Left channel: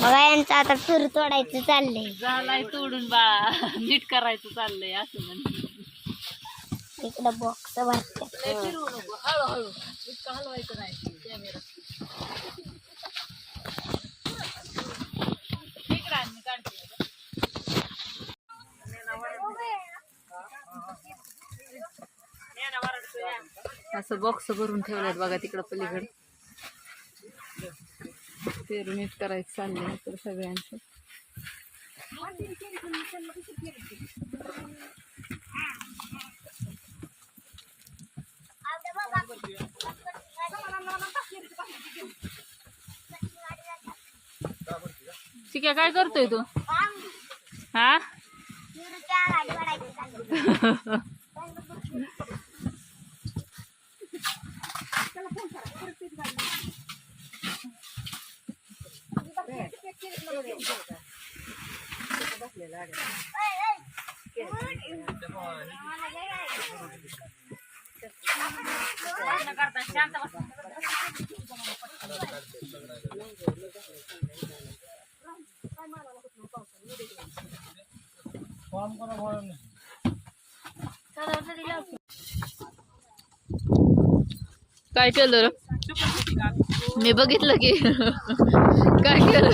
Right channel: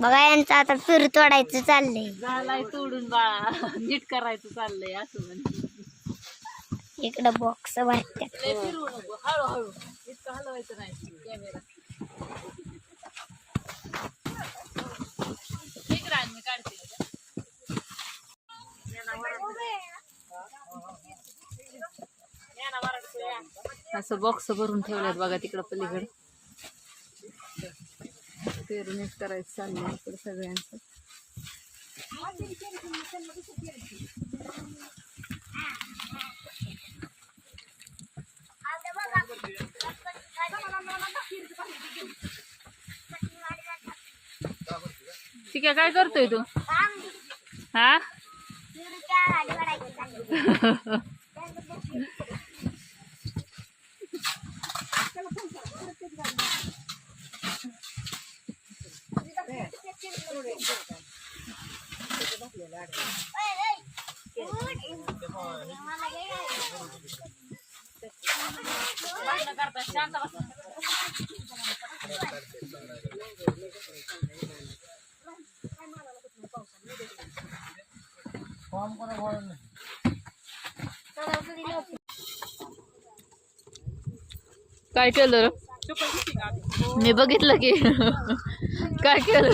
बघा यांचं आता फिर तोडायचं चाललंय. झालाय तोडून बाळा, नीट करायचं चाललंय असं म्हणजे. इकडं बॉक्स भरते. फिरवू नको, हळूहळू, इतकं हलवायचं नाही कॅमेरा. ठीक राहील, मी काढते. असं बॉक्स भरून ठेवल्यात बघा तिकडं पलीकडे. पेरू नीट करायचं चाललंय इकडं सगळ्यांचं. ठीक आहे, काय करतोय तू? हा शांत बस. काय केलं? मी बघितलं की काय केलं.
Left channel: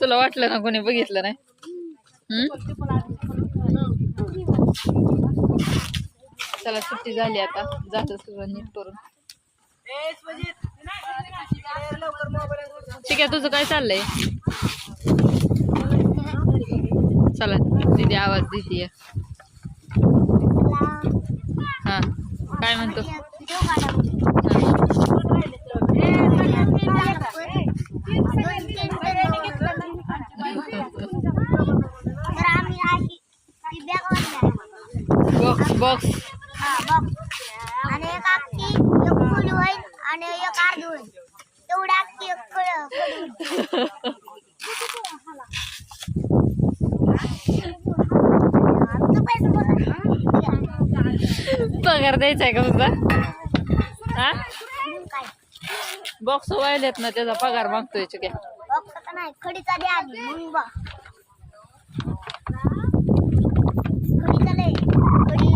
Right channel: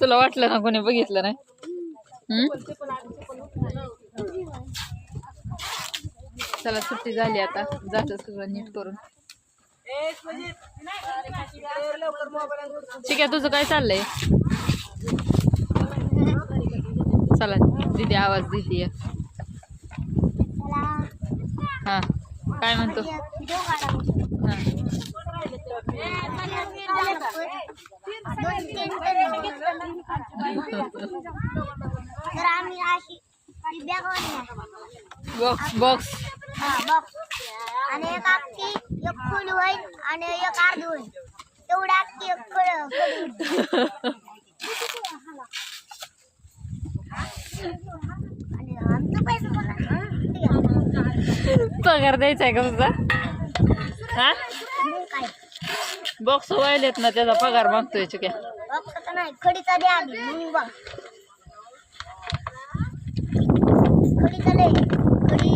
तुला वाटलं ना कोणी बघितलं नाही? चला सुट्टी झाली आता, जातं सगळं नीट करून. ठीक आहे, तुझं काय चाललंय? चला दीदी आवाज देतीये. हा काय म्हणतो? बॉक्स बॉक्स आणि एक अख्खी एक फुल होईल आणि एक अर्ध होईल. तेवढा अख्खी एक पगार द्यायचा आहे का तुझा? हा बॉक्स वायलेत ना, त्याचा पगार मागतोय चुक्या. बॉक्स नाही, खडीचा द्या आधी मग बघ. खडीचा लय खडी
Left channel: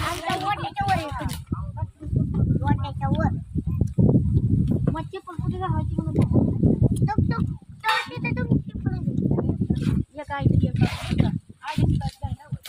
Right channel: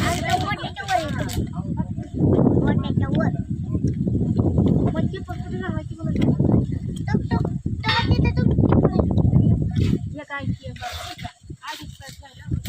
आणि मोठ्याच्या वर आहे खडी, मोठ्याच्या वर.